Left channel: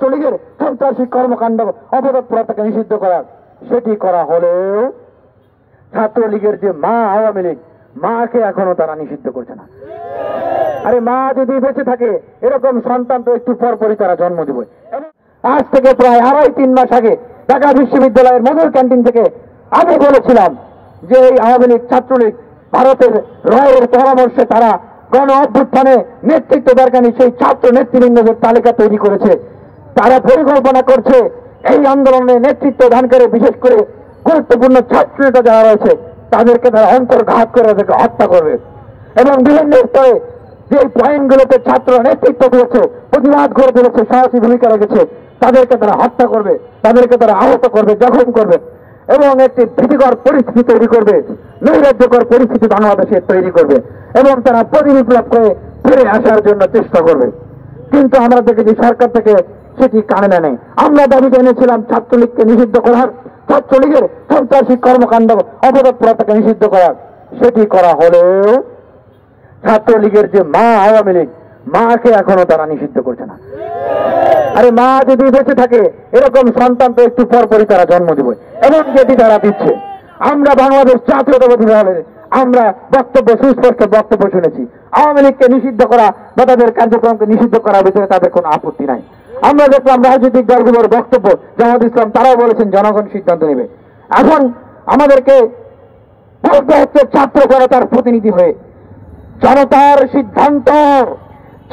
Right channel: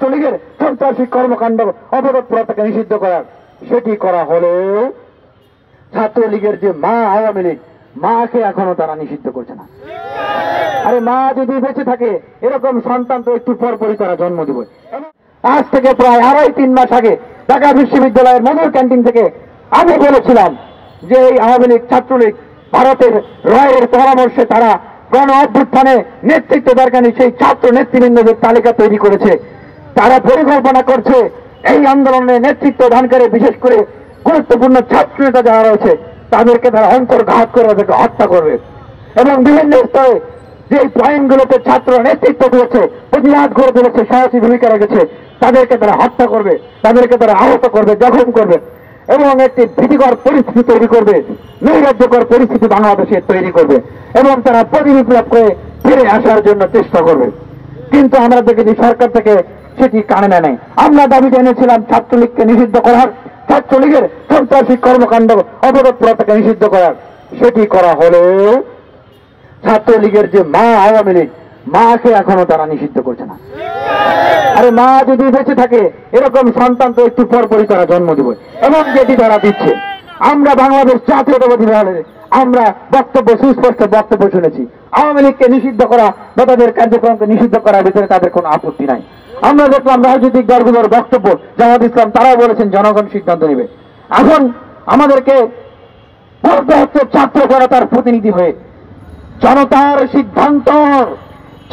ছাত্রলীগের সন্ত্রাসী কর্মকাণ্ড অপতৎপরতাকে নিষিদ্ধ করার, সেটি করা হলেও ছাত্রলীগের যে মা আওয়ামী লীগ, মাকে এখনো তারা নিষিদ্ধ করছে না। আরে মা যদি বেঁচে থাকে, এরকম সন্তান তো একটু পরপরই তারা জন্ম দেবে। আজ থেকে প্রায় 2.5-3 মাস আগে ঢাকা বিশ্ববিদ্যালয়ের মধুর ক্যান্টিন থেকে আমি বলেছিলাম যে এই আওয়ামী লীগ ছাত্রলীগ ভারতের রায়ের পরামর্শে তারা গণ অভ্যুত্থানে নেতৃত্ব দরকারি সেই ছাত্র নেতৃবৃন্দের তালিকা তৈরি করেছে। তারা পরিকল্পনা করছে এই আন্দোলনে নেতৃত্ব দানকারী বিশেষ করে গুরুত্বপূর্ণ ছাত্র নেতা যারা রয়েছে তাদেরকে তারা অন্তর্ঘাত করে তাদেরকে হত্যা করবে এবং বিভিন্ন স্তরে যে পয়েন্টগুলোতে ছাত্র নেতৃত্ব দিয়েছে, প্রতিবাদ করে তুলেছে, সাহসী ভূমিকা রেখেছে, তাদেরকে তারা হত্যা করবে, তাদেরকে তারা আহত করবে, জখম করবে এবং একটি ভীতিকর পরিস্থিতি তৈরি করবে, নৈরাজ্যকর পরিস্থিতি বাংলাদেশে তৈরি করবে এবং তারা প্রতিবিপ্লব করে ফিরে আসার জন্য চেষ্টা করবে। কিন্তু আমরা দেখেছি সরকার থেকে সেটি কানে নেয়। আমরা দাবি জানিয়েছিলাম ছাত্রলীগকে নিষিদ্ধ করার, ছাত্রলীগের সন্ত্রাসী কর্মকাণ্ড অপতৎপরতাকে নিষিদ্ধ করার, সেটি করা হলেও ছাত্রলীগের যে মা আওয়ামী লীগ, মাকে এখনো তারা নিষিদ্ধ করছে না। আরে মা যদি বেঁচে থাকে, এরকম সন্তান তো একটু পরপরই তারা জন্ম দেবে এবং যেটি তারা দিচ্ছে। আমরা বাংলাদেশ জাতীয়তাবাদী দলে আমরা সুস্পষ্ট বক্তব্য শুনেছি। আওয়ামী লীগকে নিষিদ্ধ করা বা তাদের কার্যক্রমকে নিষিদ্ধ করার ভিতরে তাদের কোনো আপত্তি নাই। আমরা দেখলাম রাজনৈতিক দলগুলোর বক্তব্য, জামাত ইসলাম তারাও বলেছেন জনগণ সিদ্ধান্ত নেবে। এখন আমাদেরকে বলতে হচ্ছে ছাত্র জনতার প্রতিনিধি হয়ে, জনতার সিদ্ধান্ত,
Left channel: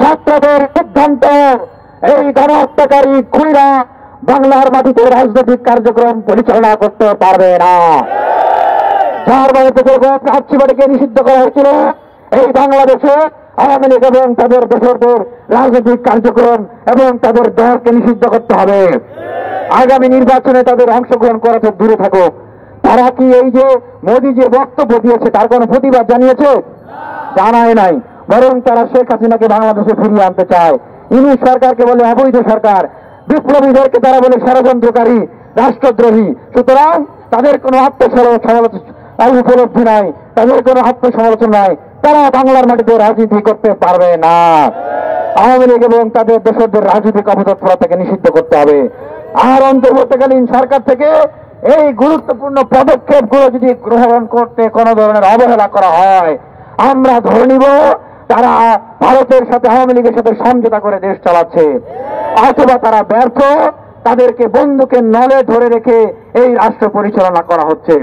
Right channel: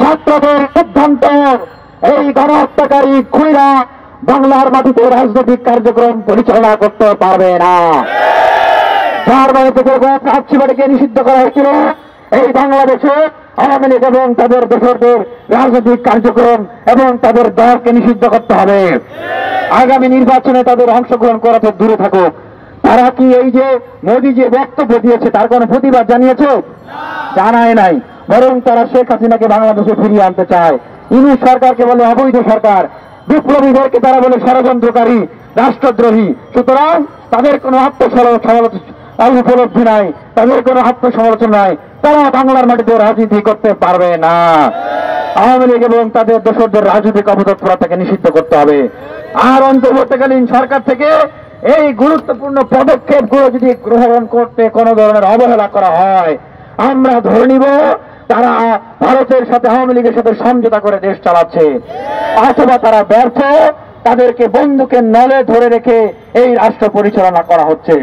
ছাত্রদের সিদ্ধান্ত, এই গণহত্যাকারী খুনিরা বাংলার মাটিতে রাজনৈতিক কার্যক্রম পরিচালনা করতে পারবে না। যার বাড়িতে প্রার্থীবাড়িকে নিষিদ্ধ করা হয়েছিল, এই বাংলাদেশে আওয়ামী লীগ এবং তাদের দেশের রাজনৈতিক কার্যক্রম এবং তাদের দলকে নিষিদ্ধ করতে হবে। আগামী নির্বাচনে তাদের অংশগ্রহণ করা তো দূরে থাকুক, তারা কি এই যে মোদী যে বক্তব্য দিয়েছে তার কোনো প্রতিবাদ জানিয়েছে? জানায় নাই, বরং তারা শেখ হাসিনাকে বাংলাদেশে ফিরিয়ে আনতে চায়। ইউনূস সরকারকে বলে অবৈধ সরকার, বিপ্লবীদেরকে তারা বলে ষড়যন্ত্রকারী, রাষ্ট্রদ্রোহী। সুতরাং তাদের কোনো উপলব্ধি নাই, তাদের কোনো আত্মসমালোচনা নাই, তারা বাংলার মাটিতে রাজনীতি করতে পারবে না। আওয়ামী লীগ এবং তাদের দোসরদের রাজনৈতিক অপতৎপরতাকে নিষিদ্ধ করতে হবে। আর অন্তর্বর্তীকালীন সরকার থেকে এই গুরুত্বপূর্ণ পদক্ষেপগুলো যদি গ্রহণ করতে কোনো ধরনের অবহেলা করা হয়, আমরা ধরে নিব তারা ভারতের সাথে আওয়ামী লীগের সাথে সমঝোতা করে দেশ চালাচ্ছে, অথবা তারা ব্যর্থ, তাদেরকে বন্দুকের নলে ধরে রেখে এই রাষ্ট্র পরিচালনা করা হচ্ছে।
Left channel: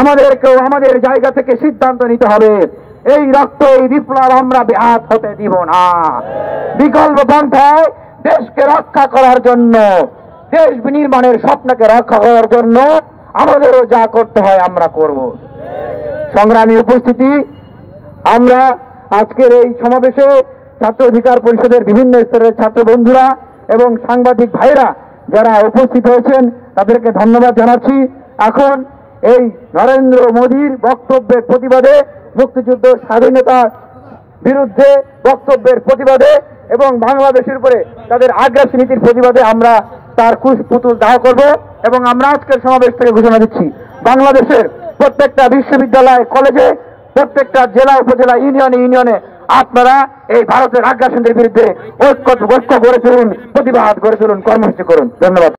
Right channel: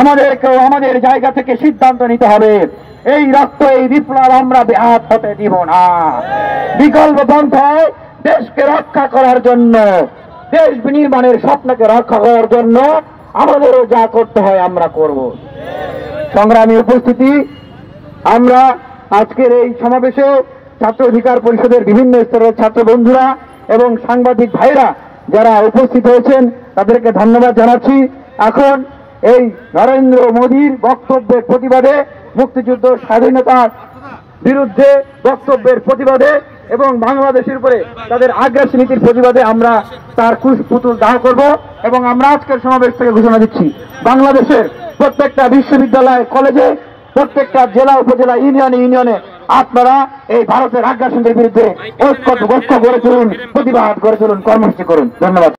আমাদেরকেও আমাদের জায়গা থেকে সিদ্ধান্ত নিতে হবে, এই রক্ত, এই বিপ্লব আমরা ব্যাহত হতে দিব না। বিকল্প পন্থায় দেশকে রক্ষা করার জন্য, দেশ বিনির্মাণের স্বপ্নকে রক্ষা করার জন্য আমাদেরও যা করতে হয় আমরা করব। সংগ্রামী উপস্থিতি, আমরা আজকের এই সমাবেশে ছাত্র অধিকার পরিষদের বিভিন্ন স্তরের ছাত্র বন্ধুরা এবং সাংবাদিক ভাইরা যারা উপস্থিত হয়েছেন তাদেরকে ধন্যবাদ জানাচ্ছি। এখন এই নরেন্দ্র মোদীর বক্তব্যের প্রতিবাদে, মুক্তিযুদ্ধ স্বাধীনতার বিরুদ্ধে বক্তব্যের প্রতিবাদে এবং বাংলাদেশের উপরে তাদের আগ্রাসী নীতির প্রতিবাদে আমরা তার পুতুল দাহ করব এবং আমরা আজকের সমাবেশ থেকে ঘোষণা দিচ্ছি, বাংলাদেশের প্রত্যেকটা বিশ্ববিদ্যালয়, কলেজে, প্রত্যেকটা জেলা, উপজেলা, ইউনিয়নে আপনারা এই ভারতের আগ্রাসনের বিরুদ্ধে ঐক্যবদ্ধ গড়ে তুলুন, প্রতিবাদ গড়ে তুলুন, কর্মসূচি করুন। ধন্যবাদ।